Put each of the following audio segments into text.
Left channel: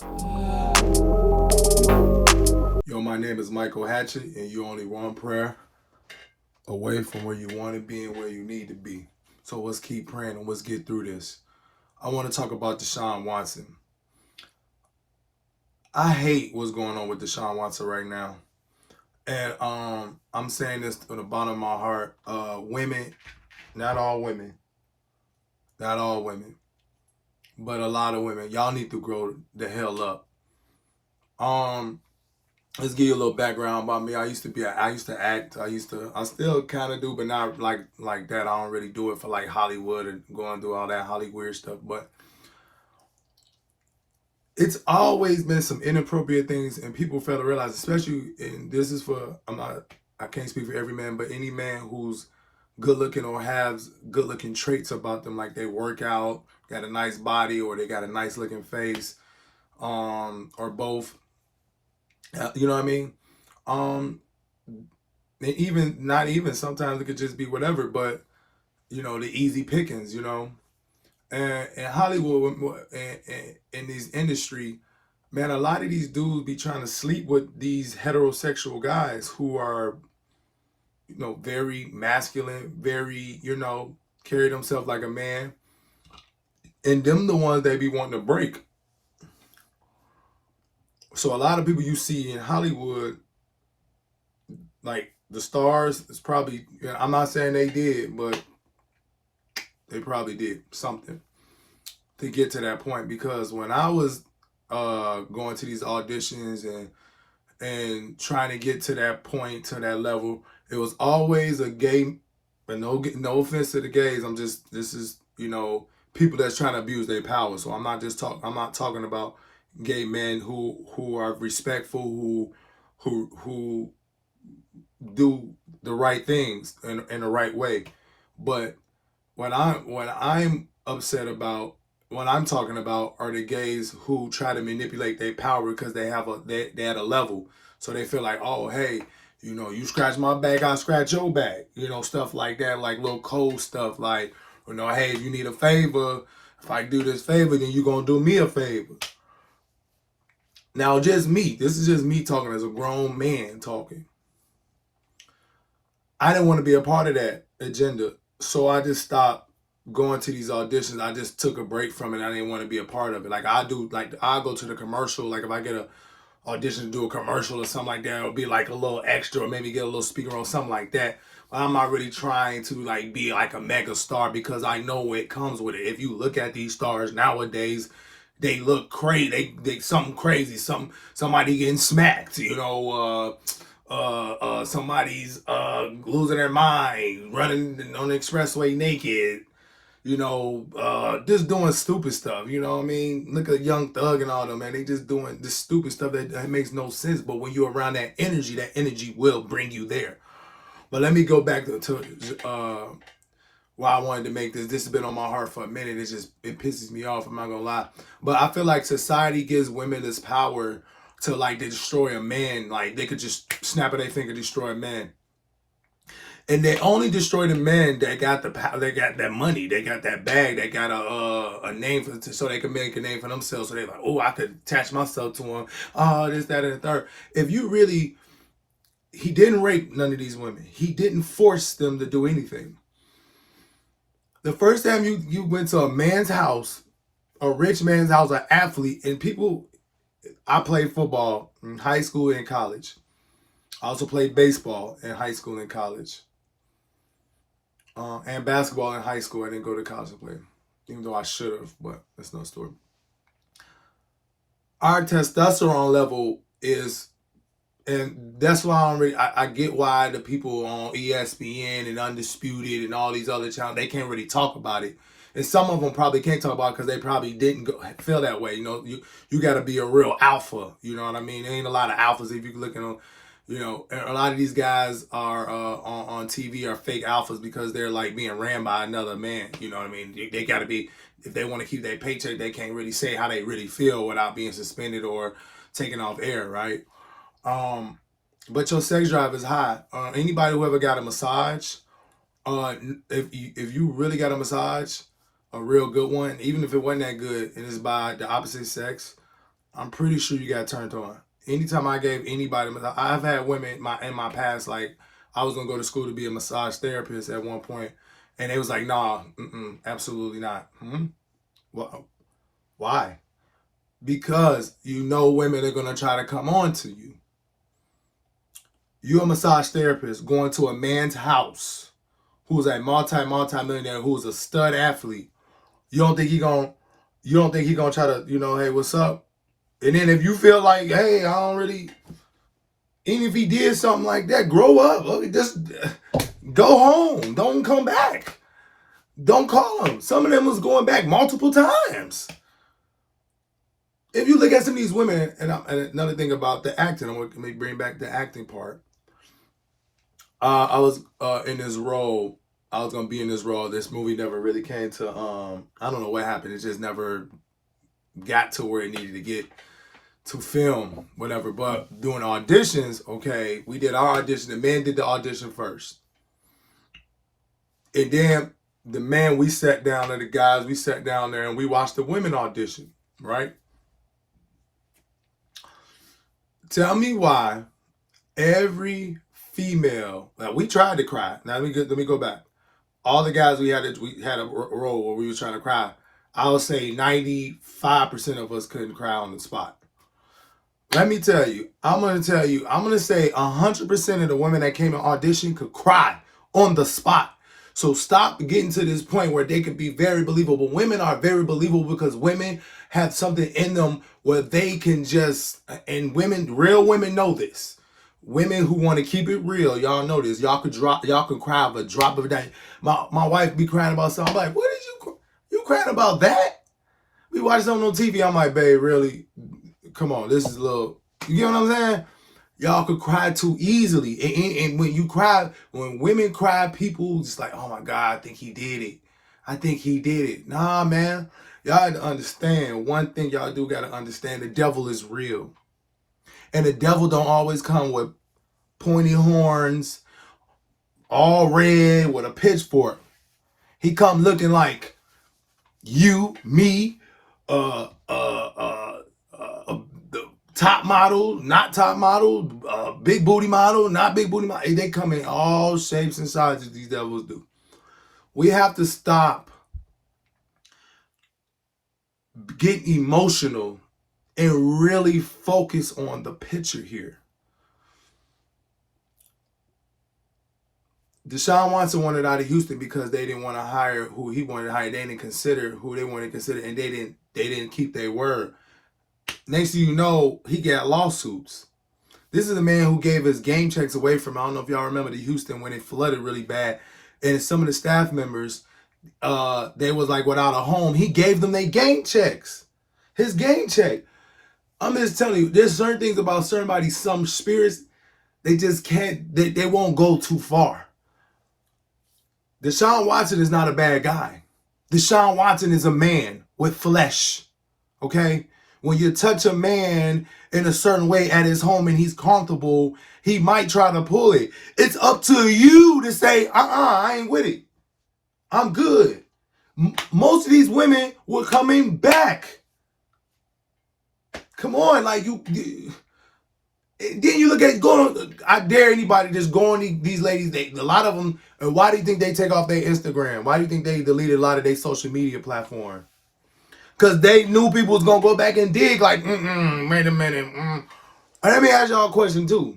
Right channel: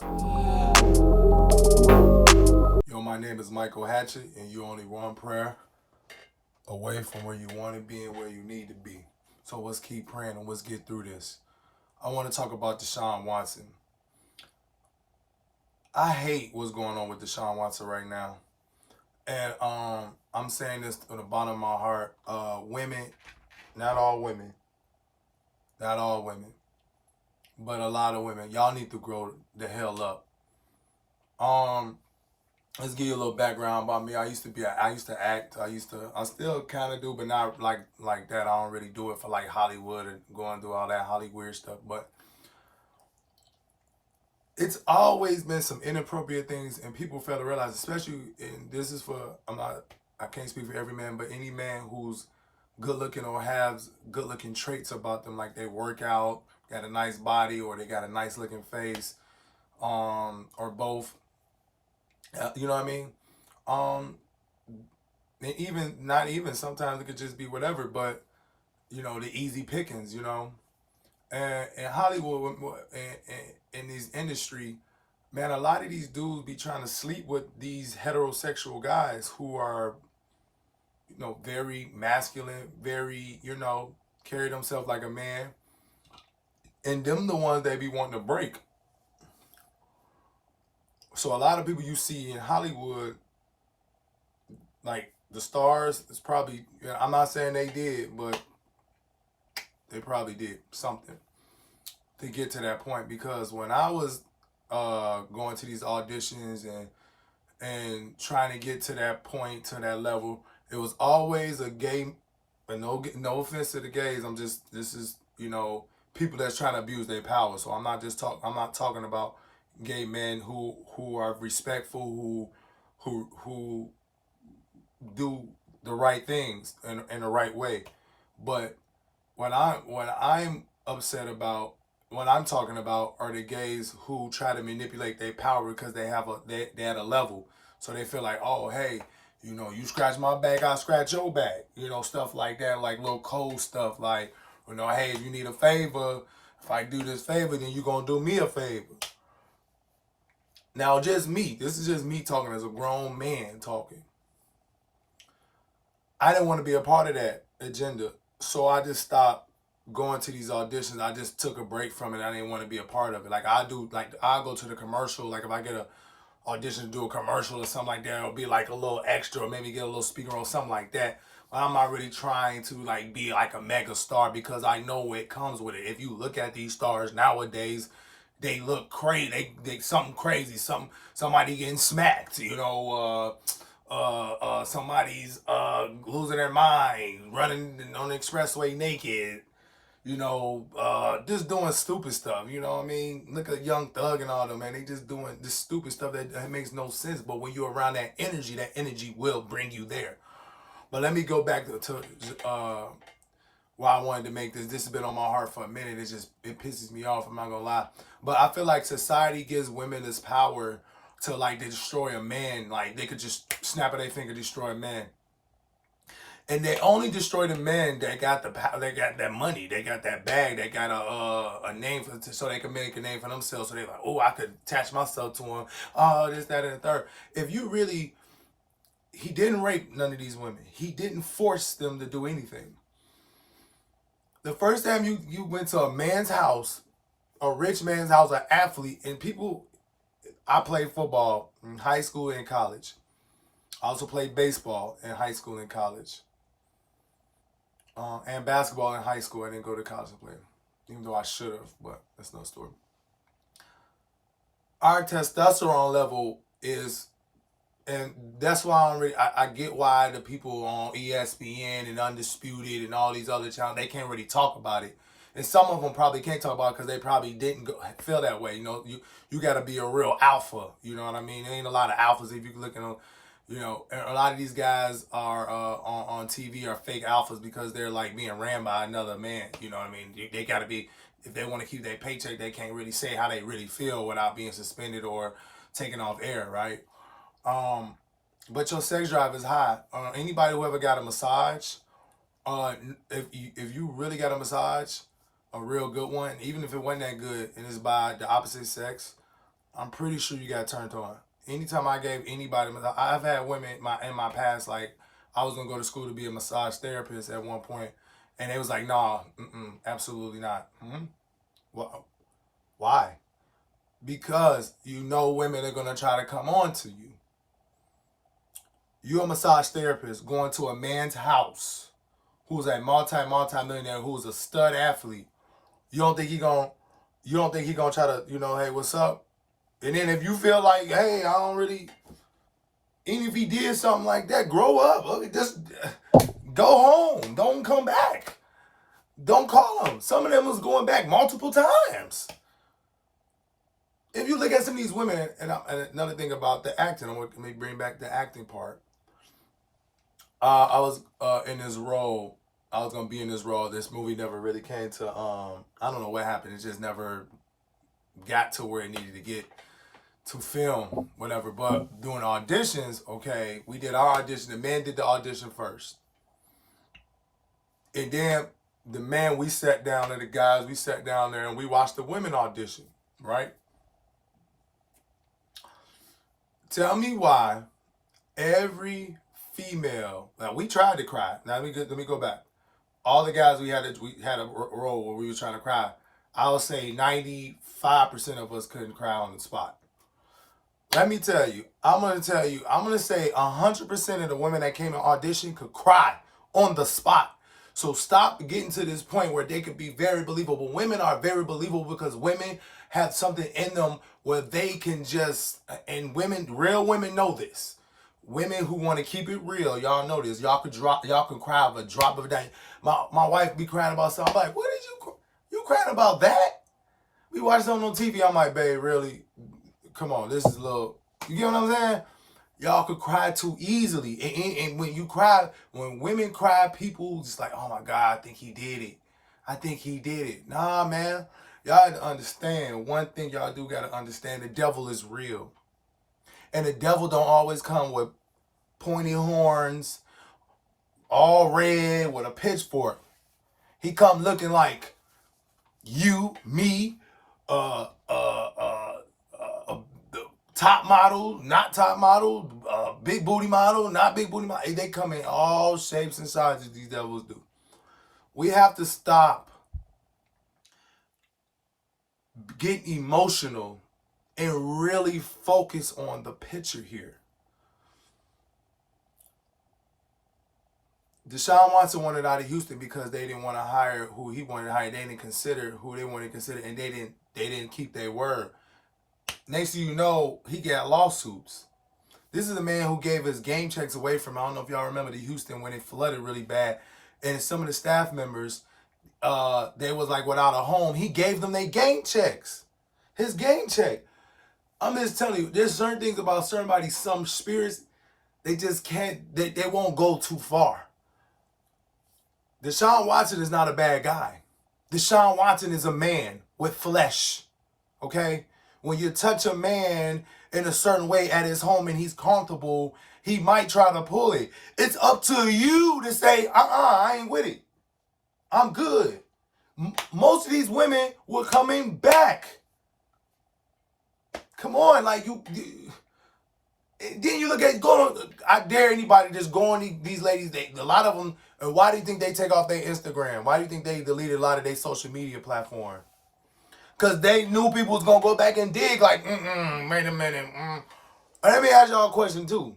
Yo, my name is Michael Hatchett, and you're only one prayer away from where you want to be and where you need to be. So let's keep praying and let's get through this. I want to talk about Deshaun Watson. I hate what's going on with Deshaun Watson right now. And I'm saying this from the bottom of my heart. Women, not all women, not all women, but a lot of women, y'all need to grow the hell up. Um, let's give you a little background about me. I used to act. I still kind of do, but not like that. I don't really do it for like Hollywood and going through all that Hollywood stuff. But it's always been some inappropriate things, and people fail to realize, especially, and this is for, I can't speak for every man, but any man who's good looking or has good looking traits about them, like they work out, got a nice body, or they got a nice looking face, or both. You know what I mean? Um, and even not even sometimes it could just be whatever, but the easy pickings, and Hollywood and in this industry, man, a lot of these dudes be trying to sleep with these heterosexual guys who are, very masculine, very, carry themselves like a man, and them the ones they be wanting to break. So a lot of people you see in Hollywood, like the stars, it's probably, I'm not saying they did, but they probably did something to get to that point. Because when I was going to these auditions and trying to get to that point, to that level, it was always a gay. But no offense to the gays. This is people that's trying to abuse their power. So I'm not talking about gay men who are respectful, who do the right things in the right way. But what I'm upset about, what I'm talking about, are the gays who try to manipulate their power because they at a level, so they feel like, oh hey, you scratch my back, I scratch your back, stuff like that, like little cold stuff, like, hey, if you need a favor, if I do this favor, then you gonna do me a favor. Now, just me. This is just me talking as a grown man talking. I didn't want to be a part of that agenda, so I just stopped going to these auditions. I just took a break from it. I didn't want to be a part of it. Like I go to the commercial. Like if I get a audition to do a commercial or something like that, it'll be like a little extra, or maybe get a little speaker on something like that. But I'm not really trying to like be like a mega star, because I know what comes with it. If you look at these stars nowadays, they look crazy. They something crazy. Somebody getting smacked. Somebody's losing their mind, running on the expressway naked, just doing stupid stuff. You know what I mean? Look at Young Thug and all them, man. They just doing this stupid stuff that makes no sense. But when you're around that energy will bring you there. But let me go back to why I wanted to make this. This has been on my heart for a minute. It pisses me off. I'm not gonna lie. But I feel like society gives women this power to like destroy a man. Like they could just snap of their finger, destroy a man. And they only destroy the men that got they got that money, they got that bag, they got a name so they can make a name for themselves. So they're like, oh, I could attach myself to him. Oh, this, that, and the third. If you really, he didn't rape none of these women. He didn't force them to do anything. The first time you went to a man's house, a rich man's house, an athlete, and people. I played football in high school and college. I also played baseball in high school and college. And basketball in high school. I didn't go to college to play, even though I should have, but that's no story. Our testosterone level is, and that's why I get why the people on ESPN and Undisputed and all these other channels, they can't really talk about it. And some of them probably can't talk about it because they probably didn't feel that way. You got to be a real alpha. You know what I mean? There ain't a lot of alphas if you're looking on. A lot of these guys are on TV are fake alphas because they're like being ran by another man. You know what I mean? They got to be, if they want to keep their paycheck, they can't really say how they really feel without being suspended or taken off air, right? Um, but your sex drive is high. Anybody who ever got a massage, uh, if you really got a massage, a real good one, even if it wasn't that good and it's by the opposite sex, I'm pretty sure you got turned on. Anytime I gave anybody, I've had women in my past, like, I was gonna go to school to be a massage therapist at one point, and they was like, nah, absolutely not. Well, why? Because you know women are gonna try to come on to you. You're a massage therapist going to a man's house who's a multi-millionaire, who's a stud athlete. You don't think he gonna try to, hey, what's up? And then if you feel like, hey, I don't really, even if he did something like that, grow up. Just go home. Don't come back. Don't call him. Some of them was going back multiple times. If you look at some of these women, and another thing about the acting, I'm going to bring back the acting part. I was in this role. I was going to be in this role. This movie never really came to, I don't know what happened. It just never got to where it needed to get to film, whatever. But doing auditions, okay, we did our audition. The man did the audition first. And then the man, we sat down, and the guys, we sat down there and we watched the women audition, right? Tell me why every female, like, we tried to cry. Now let me go back. All the guys we had a role where we were trying to cry. I would say 95% of us couldn't cry on the spot. Let me tell you, I'm going to say 100% of the women that came in audition could cry on the spot. So stop getting to this point where they could be very believable. Women are very believable because women have something in them where they can just, and real women know this. Women who want to keep it real, y'all know this. Y'all can cry of a drop of a dime. My wife be crying about something. I'm like, what did you crying about that? We watch something on TV. I'm like, babe, really? Come on, this is a little, you get what I'm saying? Y'all could cry too easily. And when you cry, when women cry, people just like, oh my God, I think he did it. I think he did it. Nah, man. Y'all have to understand. One thing y'all do got to understand, the devil is real. And the devil don't always come with pointy horns, all red, with a pitchfork. He come looking like you, me, top model, not top model, big booty model, not big booty model. They come in all shapes and sizes, these devils do. We have to stop getting emotional and really focus on the picture here. Deshaun Watson wanted out of Houston because they didn't want to hire who he wanted to hire. They didn't consider who they wanted to consider, and they didn't keep their word. Next thing you know, he got lawsuits. This is a man who gave his game checks away from, I don't know if y'all remember the Houston when it flooded really bad. And some of the staff members, they was like without a home. He gave them their game checks. His game check. I'm just telling you, there's certain things about some spirits, they just can't, they won't go too far. Deshaun Watson is not a bad guy. Deshaun Watson is a man with flesh. Okay? When you touch a man in a certain way at his home and he's comfortable, he might try to pull it. It's up to you to say, I ain't with it. I'm good. Most of these women were coming back. Come on, like you then you look at I dare anybody just go on these ladies, a lot of them, and why do you think they take off their Instagram? Why do you think they deleted a lot of their social media platform? Because they knew people was going to go back and dig like, wait a minute. And let me ask y'all a question too.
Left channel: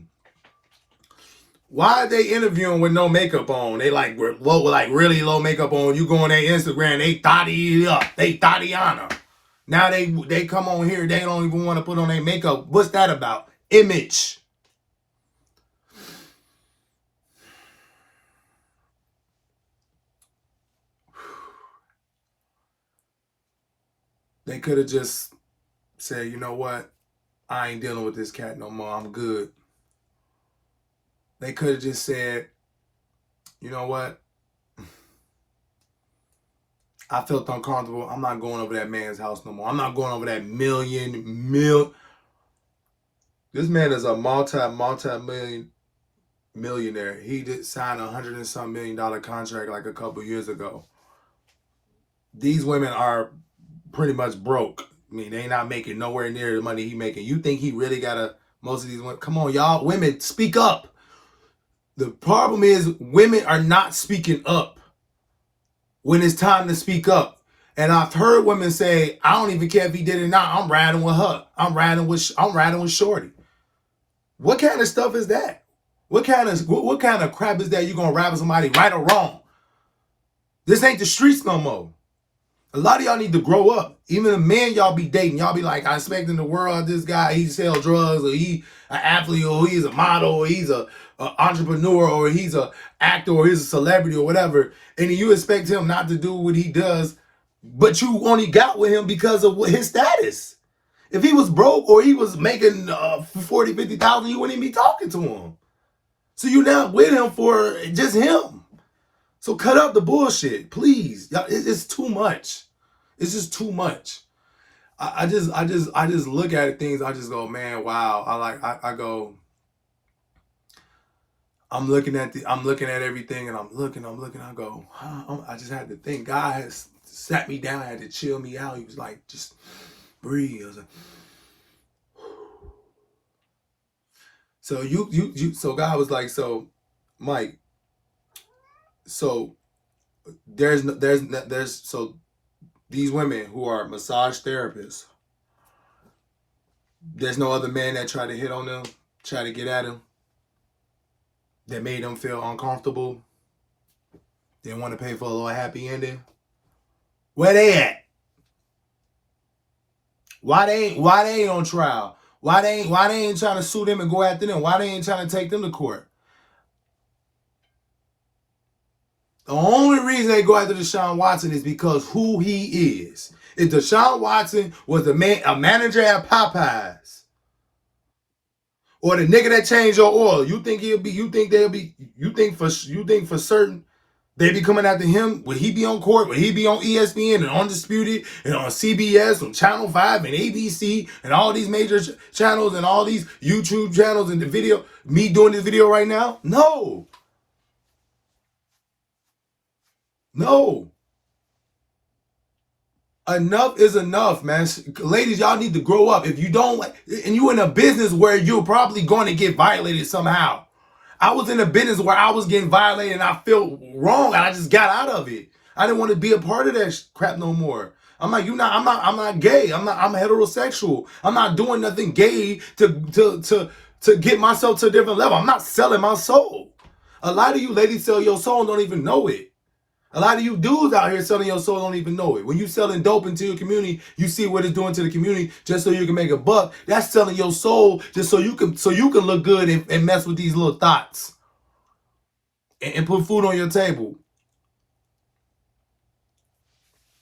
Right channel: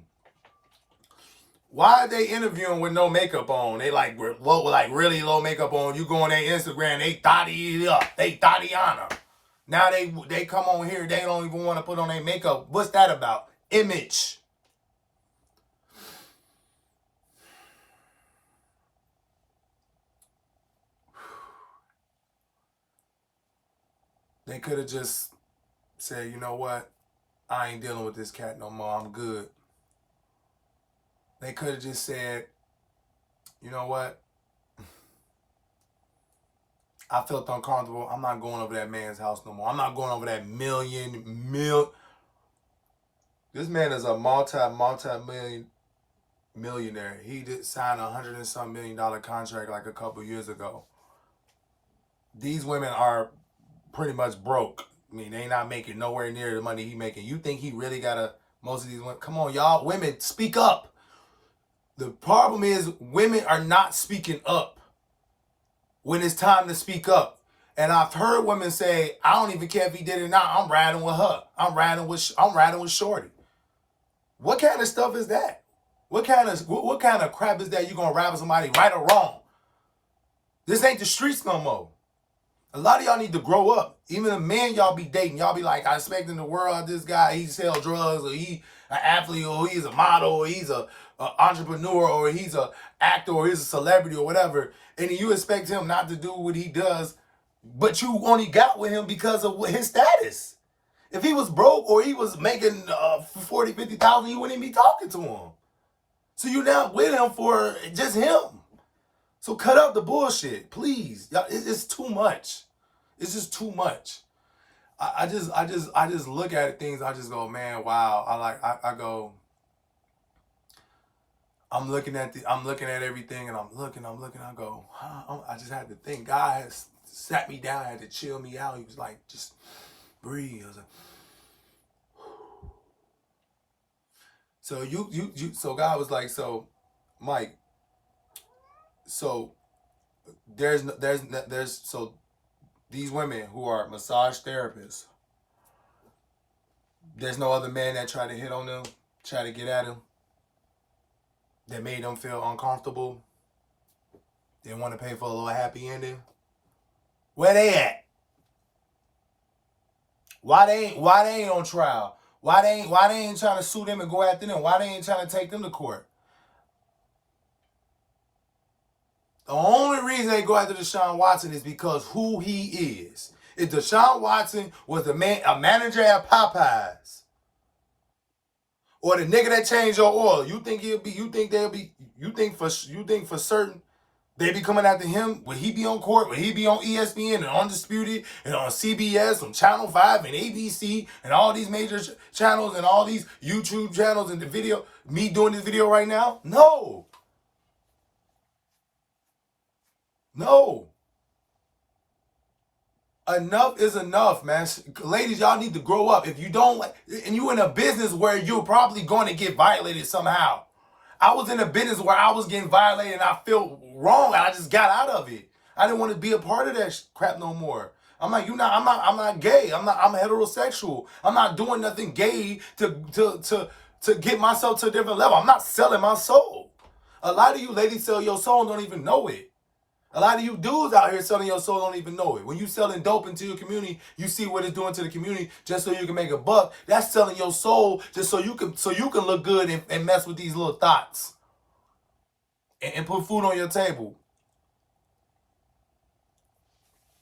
Why are they interviewing with no makeup on? They like really low makeup on. You go on their Instagram, they thotty up. They thottiana. Now they come on here, they don't even want to put on their makeup. What's that about? Image. They could have just said, you know what? I ain't dealing with this cat no more. I'm good. They could have just said, you know what? I felt uncomfortable. I'm not going over that man's house no more. I'm not going over that million. This man is a multi-million millionaire. He did sign $100 and some million contract like a couple years ago. These women are pretty much broke. I mean, they not making nowhere near the money he making. You think he really got most of these women? Come on, y'all. Women, speak up. The problem is women are not speaking up when it's time to speak up. And I've heard women say, I don't even care if he did it or not. I'm riding with her. I'm riding with Shorty. What kind of stuff is that? What kind of crap is that you gonna rap with somebody right or wrong? This ain't the streets no more. A lot of y'all need to grow up. Even the men y'all be dating, y'all be like, I expect in the world this guy, he sell drugs, or he an athlete, or he's a model, or he's a entrepreneur, or he's a actor, or he's a celebrity, or whatever. And you expect him not to do what he does, but you only got with him because of his status. If he was broke or he was making 40, 50,000, you wouldn't even be talking to him. So you're not with him for just him. So cut up the bullshit, please. It's too much. It's just too much. I just look at things. I just go, man, wow. I go. I'm looking at everything, and I'm looking. I go, I just had to think. God has sat me down, had to chill me out. He was like, just breathe. I was like, so God was like, so Mike, so there's so these women who are massage therapists, there's no other man that tried to hit on them, try to get at them, that made them feel uncomfortable. They want to pay for a little happy ending. Where they at? Why they ain't on trial? Why they ain't trying to sue them and go after them? Why they ain't trying to take them to court? The only reason they go after Deshaun Watson is because who he is. If Deshaun Watson was a manager at Popeyes, or the nigga that changed your oil, you think for certain they be coming after him? Would he be on court? Would he be on ESPN and Undisputed and on CBS, on Channel 5 and ABC and all these major channels and all these YouTube channels and the video, me doing this video right now? No. Enough is enough, man. Ladies, y'all need to grow up. If you don't like, and you in a business where you're probably going to get violated somehow. I was in a business where I was getting violated and I felt wrong and I just got out of it. I didn't want to be a part of that crap no more. I'm like, I'm not gay. I'm heterosexual. I'm not doing nothing gay to get myself to a different level. I'm not selling my soul. A lot of you ladies sell your soul and don't even know it. A lot of you dudes out here selling your soul don't even know it. When you selling dope into your community, you see what it's doing to the community just so you can make a buck. That's selling your soul just so you can look good and mess with these little thoughts and put food on your table.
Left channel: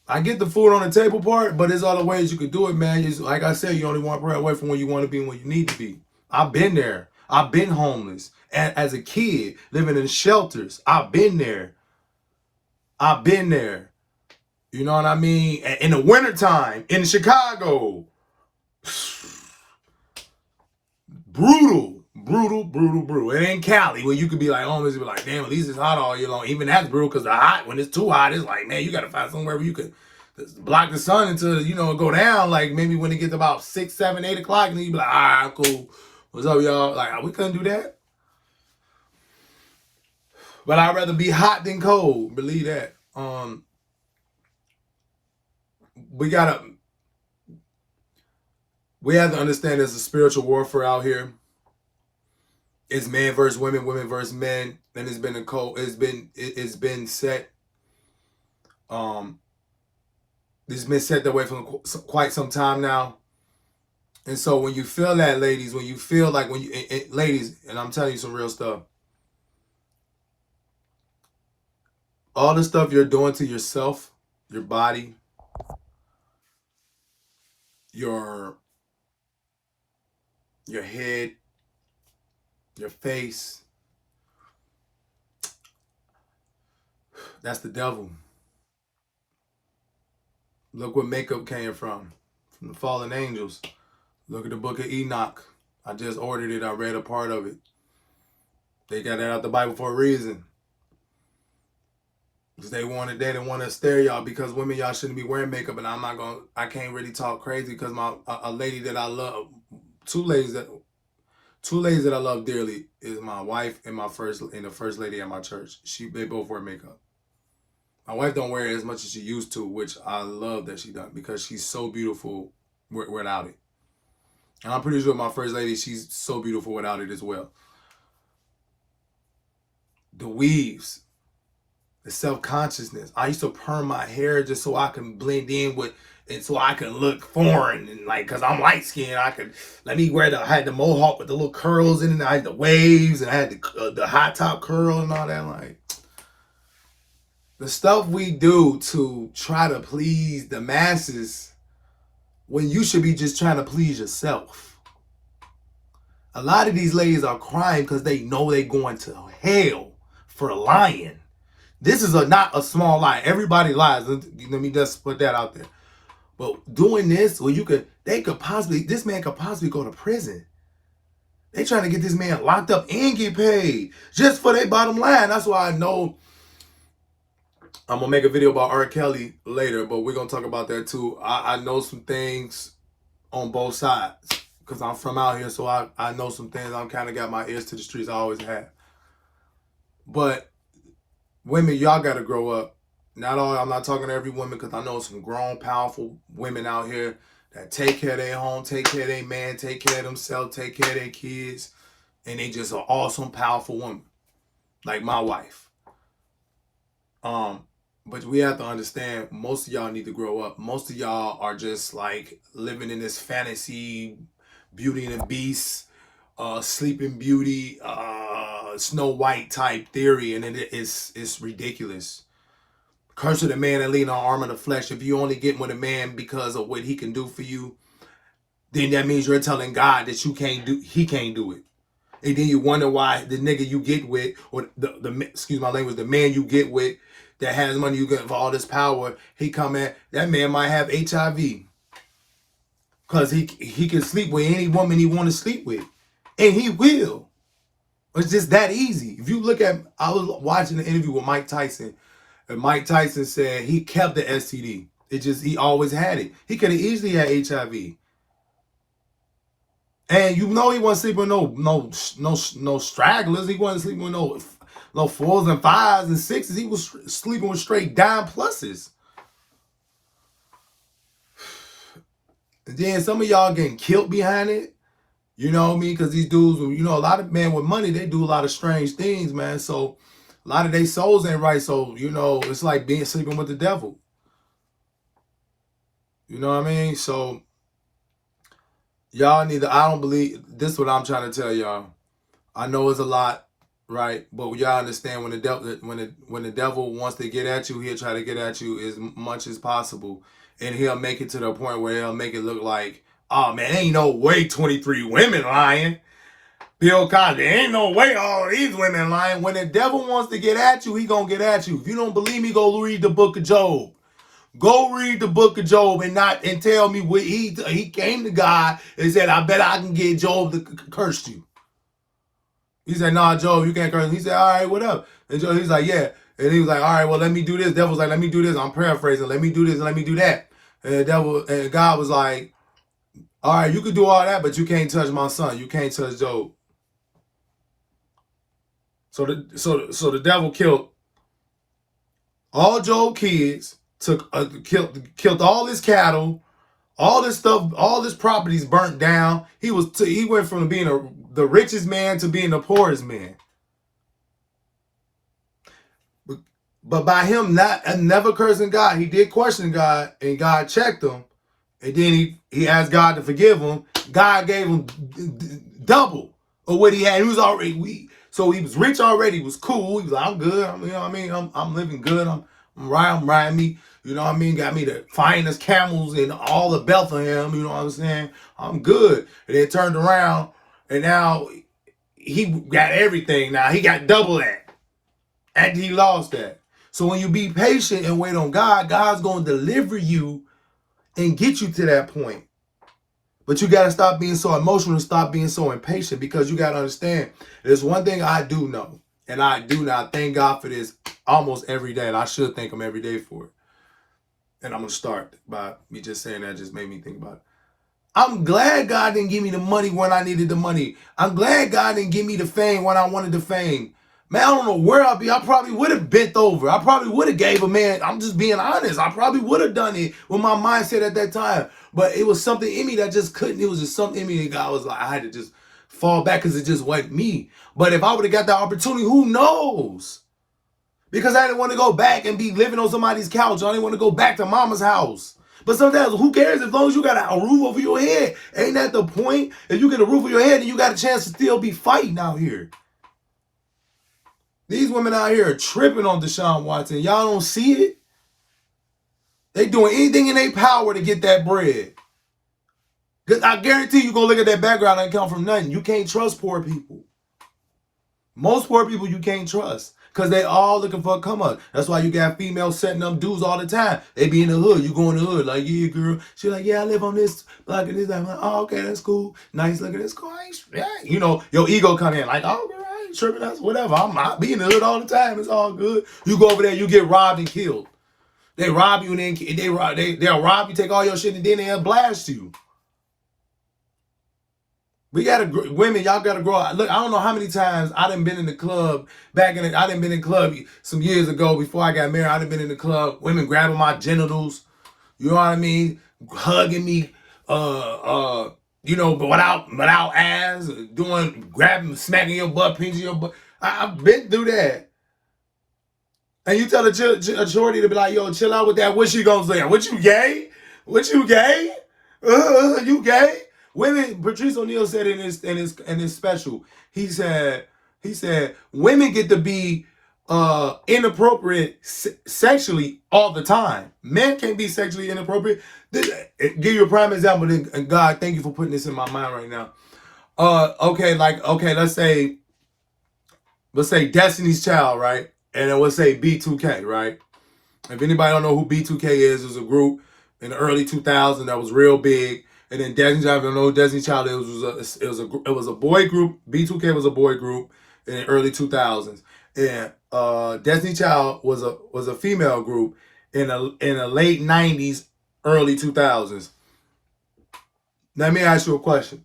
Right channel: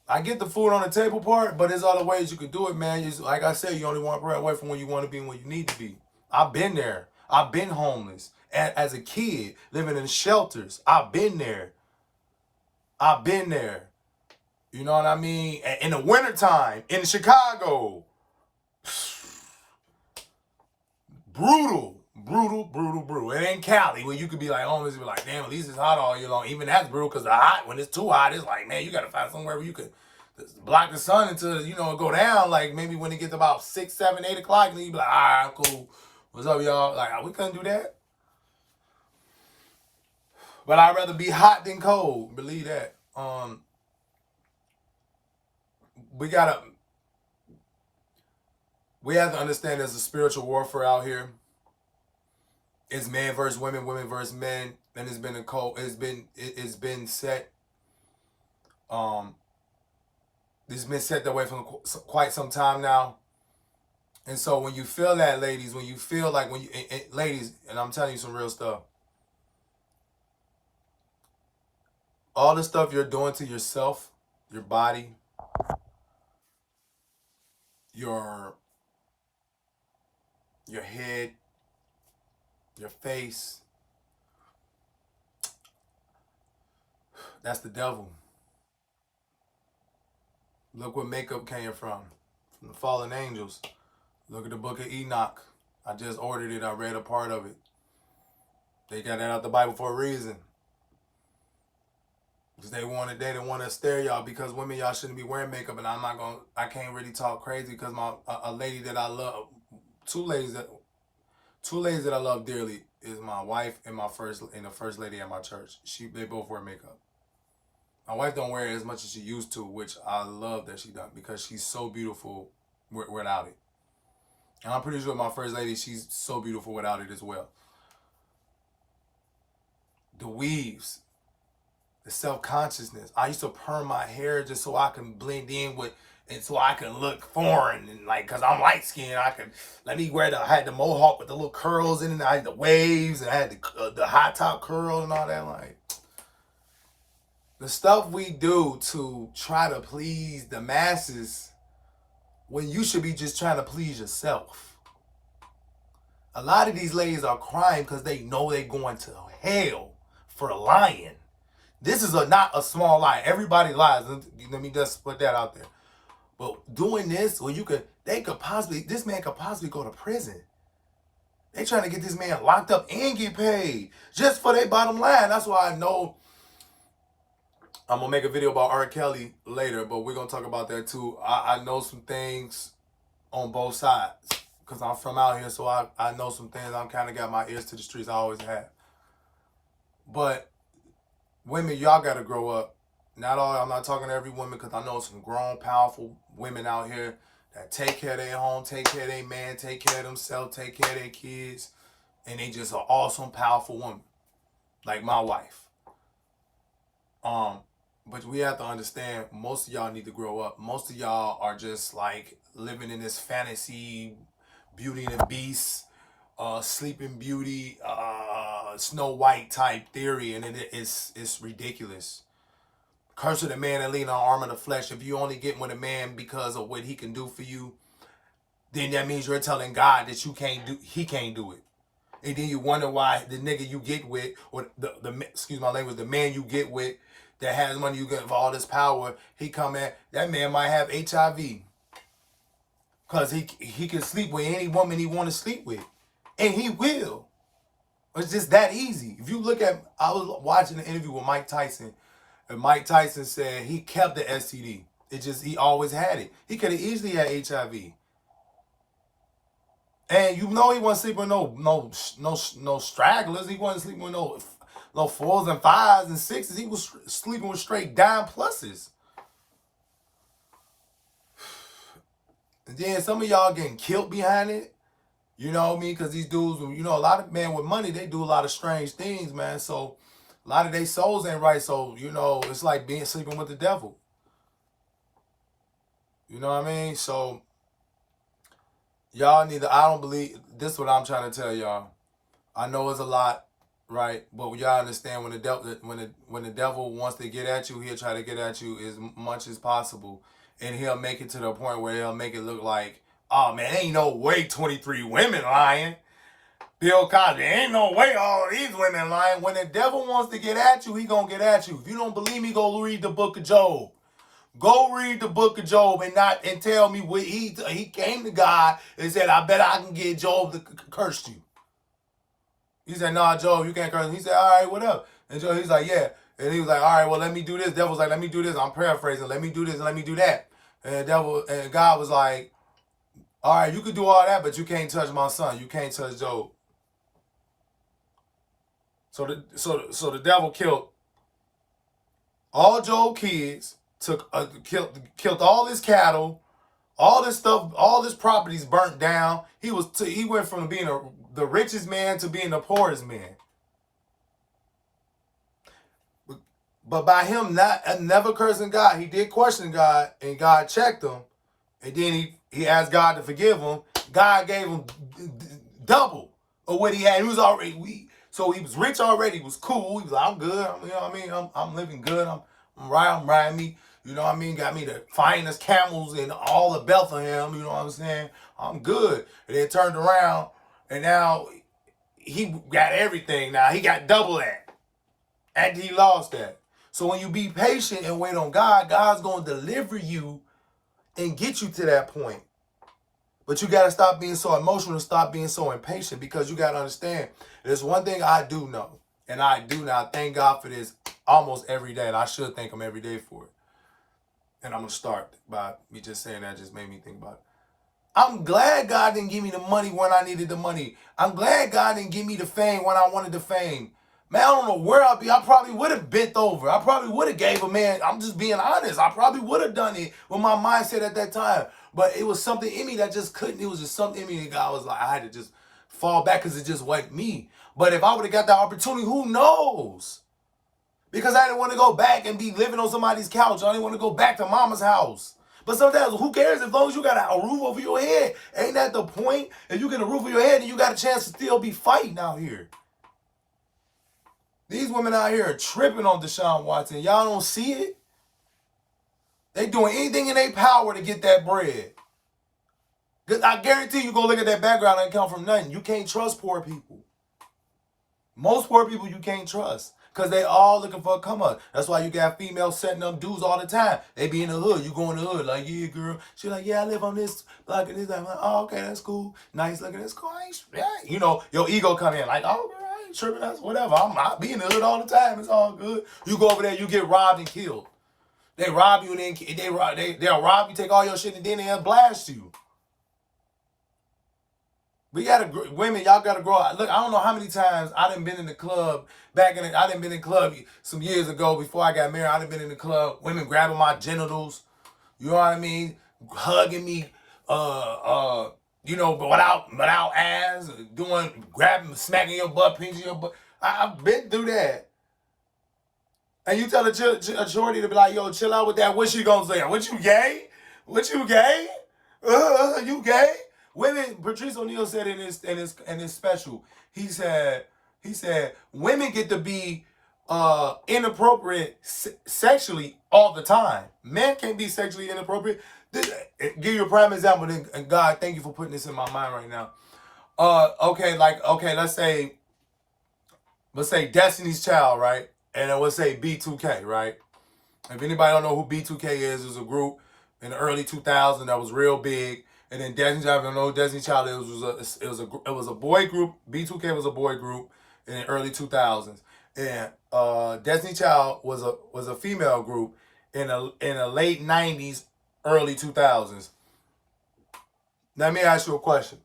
I get the food on the table part, but there's other ways you could do it, man. Like I said, you only want bread away from where you want to be and where you need to be. I've been there. I've been homeless. As a kid, living in shelters. I've been there. You know what I mean? In the wintertime, in Chicago. Brutal. It ain't Cali where you could be like, almost be like, damn, at least it's hot all year long. Even that's brutal because the hot, when it's too hot, it's like, man, you got to find somewhere where you could block the sun until, go down. Like maybe when it gets about 6, 7, 8 o'clock, and then you be like, all right, cool. What's up, y'all? Like, we couldn't do that. But I'd rather be hot than cold. Believe that. We have to understand there's a spiritual warfare out here. It's man versus women, women versus men, and it's been set. It's been set that way for quite some time now. And so when you feel that, ladies, ladies, and I'm telling you some real stuff. All the stuff you're doing to yourself, your body, your head, your face, that's the devil. Look where makeup came from the fallen angels. Look at the book of Enoch. I just ordered it. I read a part of it. They got that out the Bible for a reason. Because they didn't want to stare y'all because women, y'all shouldn't be wearing makeup. And I can't really talk crazy because a lady that I love, two ladies that I love dearly is my wife and the first lady at my church. They both wear makeup. My wife don't wear it as much as she used to, which I love that she does because she's so beautiful without it. And I'm pretty sure my first lady, she's so beautiful without it as well. The weaves, the self-consciousness. I used to perm my hair just so I can blend in with, and so I can look foreign, and like, cause I'm light skinned, I had the mohawk with the little curls in it, and I had the waves, and I had the high top curl and all that. Like, the stuff we do to try to please the masses when you should be just trying to please yourself. A lot of these ladies are crying because they know they're going to hell for lying. This is not a small lie. Everybody lies. Let me just put that out there. But doing this, this man could possibly go to prison. They trying to get this man locked up and get paid just for their bottom line. That's why I know I'm going to make a video about R. Kelly later, but we're going to talk about that too. I know some things on both sides because I'm from out here, so I know some things. I'm kind of got my ears to the streets. I always have. But women, y'all got to grow up. I'm not talking to every woman because I know some grown, powerful women out here that take care of their home, take care of their man, take care of themselves, take care of their kids, and they just an awesome, powerful woman, like my wife. But we have to understand, most of y'all need to grow up. Most of y'all are just like living in this fantasy, Beauty and the Beast, Sleeping Beauty, Snow White type theory, and it's ridiculous. Curse of the man that lean on arm of the flesh. If you only get with a man because of what he can do for you, then that means you're telling God that he can't do it. And then you wonder why the nigga you get with, or excuse my language, the man you get with that has money, you get for all this power, that man might have HIV. Because he can sleep with any woman he want to sleep with. And he will. It's just that easy. If you look at, I was watching an interview with Mike Tyson, and Mike Tyson said he kept the STD. He always had it. He could have easily had HIV. And you know he wasn't sleeping with no stragglers. He wasn't sleeping with no 4s and 5s and 6s. He was sleeping with straight dime pluses. And then some of y'all getting killed behind it. You know what I mean? Because these dudes, a lot of men with money, they do a lot of strange things, man. So a lot of their souls ain't right. So, it's like sleeping with the devil. You know what I mean? So y'all I don't believe, this is what I'm trying to tell y'all. I know it's a lot, right? But y'all understand when the devil wants to get at you, he'll try to get at you as much as possible. And he'll make it to the point where he'll make it look like, oh man, ain't no way 23 women lying. Bill Cosby, ain't no way all these women lying. When the devil wants to get at you, he gonna get at you. If you don't believe me, go read the book of Job. Go read the book of Job and tell me what he came to God and said, I bet I can get Job to curse you. He said, nah, Job, you can't curse him. He said, all right, what up? And Job, he's like, yeah. And he was like, all right, well, let me do this. Devil's like, let me do this. I'm paraphrasing. Let me do this and let me do that. And God was like, all right, you could do all that, but you can't touch my son. You can't touch Job. So the devil killed all Job's kids, killed all his cattle, all this stuff, all his properties burnt down. He went from being the richest man to being the poorest man. But by him never cursing God, he did question God, and God checked him. And then he asked God to forgive him. God gave him double of what he had. He was already so he was rich already. He was cool. He was like, I'm good. I'm living good. I'm riding me. You know what I mean? Got me the finest camels in all of Bethlehem. You know what I'm saying? I'm good. And then turned around, and now he got everything. Now he got double that. And he lost that. So when you be patient and wait on God, God's going to deliver you and get you to that point. But you got to stop being so emotional and stop being so impatient, because you got to understand, there's one thing I do know. And I do now thank God for this almost every day. And I should thank him every day for it. And I'm going to start by me just saying that just made me think about it. I'm glad God didn't give me the money when I needed the money. I'm glad God didn't give me the fame when I wanted the fame. Man, I don't know where I'll be. I probably would have bent over. I probably would have gave a man. I'm just being honest. I probably would have done it with my mindset at that time. But it was something in me that just couldn't. It was just something in me that God was like, I had to just fall back because it just wasn't me. But if I would have got that opportunity, who knows? Because I didn't want to go back and be living on somebody's couch. I didn't want to go back to mama's house. But sometimes, who cares as long as you got a roof over your head? Ain't that the point? If you get a roof over your head, then you got a chance to still be fighting out here. These women out here are tripping on Deshaun Watson. Y'all don't see it? They doing anything in their power to get that bread. Because I guarantee you go look at that background and come from nothing. You can't trust poor people. Most poor people you can't trust. Because they all looking for a come up. That's why you got females setting up dudes all the time. They be in the hood. You go in the hood like, yeah, girl. She like, yeah, I live on this block and this. I'm like, oh, okay, that's cool. Nice looking. That's cool. Yeah. You know, your ego come in like, oh, girl, I ain't tripping. That's whatever. I be in the hood all the time. It's all good. You go over there, you get robbed and killed. They rob you and then they'll rob you, take all your shit, and then they'll blast you. We gotta, women, y'all gotta grow up. Look, I don't know how many times I done been in the club I done been in the club some years ago before I got married. I done been in the club, women grabbing my genitals, you know what I mean, hugging me, you know, but without ass, grabbing, smacking your butt, pinching your butt. I've been through that. And you tell a shorty to be like, yo, chill out with that. What she gonna say? What, you gay? What, you gay? You gay? Women, Patrice O'Neal said in his special, he said women get to be inappropriate sexually all the time. Men can't be sexually inappropriate. Give you a prime example, and God, thank you for putting this in my mind right now. Okay, let's say Destiny's Child, right? And then we'll say B2K, right? If anybody don't know who B2K is, it's a group in the early 2000s that was real big. And then Destiny's Child, if you don't know who Destiny's Child is, it was a boy group. B2K was a boy group in the early 2000s. And Destiny's Child was a female group in the late 90s, early 2000s. Now, let me ask you a question.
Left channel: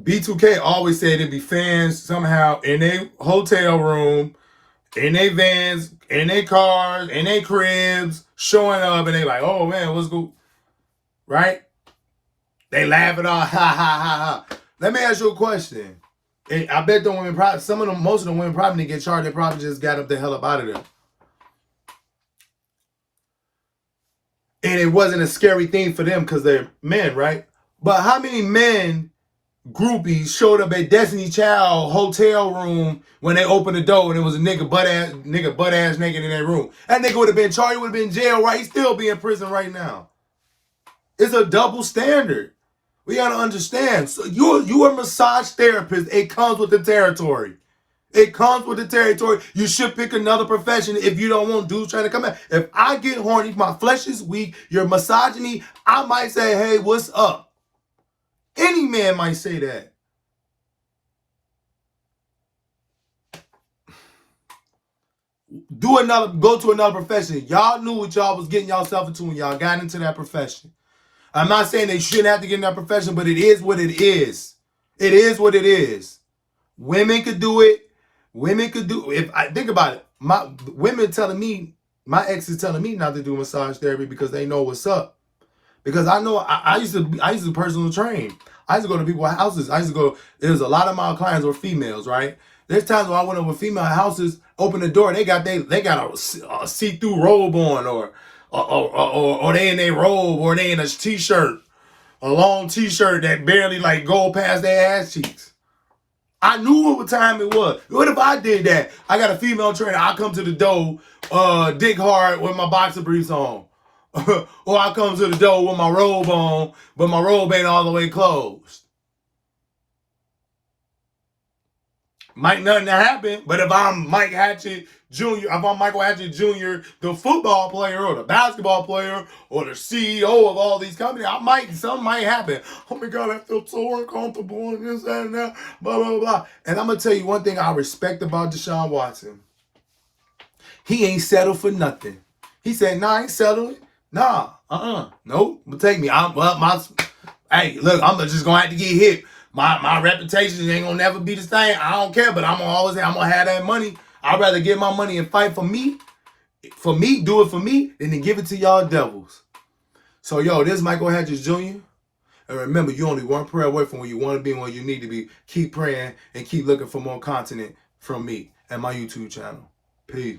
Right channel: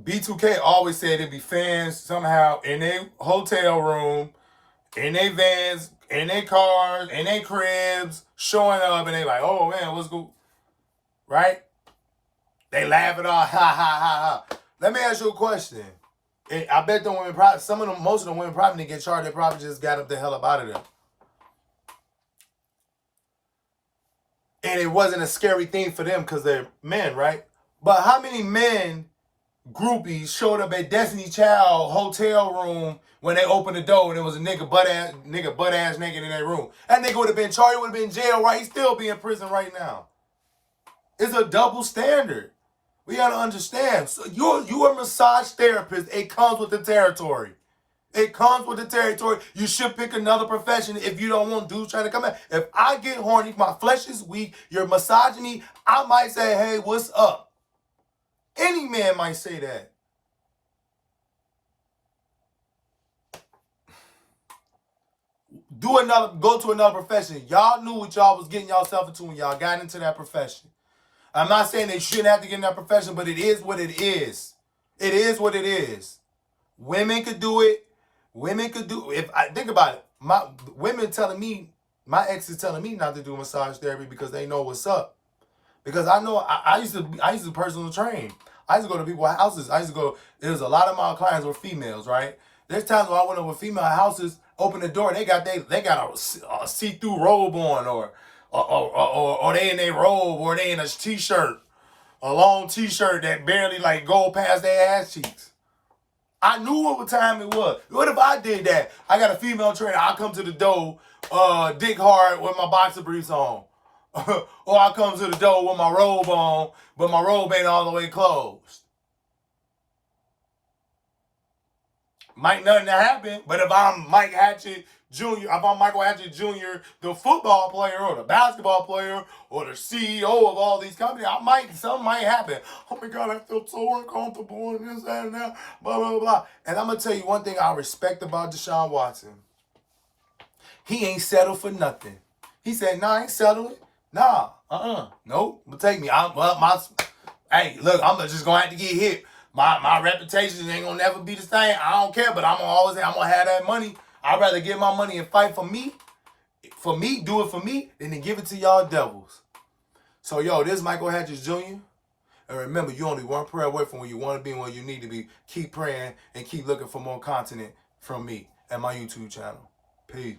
B2K always said there'd be fans somehow in a hotel room, in their vans, in their cars, in their cribs, showing up, and they like, oh man, what's good? Right? They laughing all, ha, ha, ha, ha. Let me ask you a question. I bet the women, most of the women probably didn't get charged. They probably just got up the hell up out of there. And it wasn't a scary thing for them because they're men, right? But how many men, groupies, showed up at Destiny Child hotel room when they opened the door and it was a nigga butt ass naked in that room? That nigga would have been charged, would have been in jail, right? He'd still be in prison right now. It's a double standard. We gotta understand. So you a massage therapist. It comes with the territory. It comes with the territory. You should pick another profession if you don't want dudes trying to come in. If I get horny, my flesh is weak, you're massaging me, I might say, hey, what's up? Any man might say that. Go to another profession. Y'all knew what y'all was getting yourself into when y'all got into that profession. I'm not saying they shouldn't have to get in that profession, but it is what it is. It is what it is. Women could do it. Women could do, if I think about it, my ex is telling me not to do massage therapy because they know what's up. Because I know I used to personal train. I used to go to people's houses. There's a lot of my clients were females, right? There's times when I went over female houses, open the door, they got a see-through robe on, or they in their robe, or they in a t-shirt, a long t-shirt that barely like go past their ass cheeks. I knew what time it was. What if I did that? I got a female trainer. I come to the door, dick hard with my boxer briefs on. Or I come to the door with my robe on, but my robe ain't all the way closed. Might nothing happen, but if I'm Mike Hatchett Jr., if I'm Michael Hatcher Jr., the football player or the basketball player or the CEO of all these companies, something might happen. Oh my God, I feel so uncomfortable and this, that, and that, blah, blah, blah. And I'm going to tell you one thing I respect about Deshaun Watson. He ain't settled for nothing. He said, nah, I ain't settling. Nah, nope, take me. Hey, look, I'm just gonna have to get hit. My reputation ain't gonna never be the same. I don't care, but I'm gonna have that money. I'd rather get my money and fight for me, do it for me, than to give it to y'all devils. So, yo, this is Michael Hatches Jr. And remember, you only one prayer away from where you want to be and where you need to be. Keep praying and keep looking for more content from me and my YouTube channel. Peace.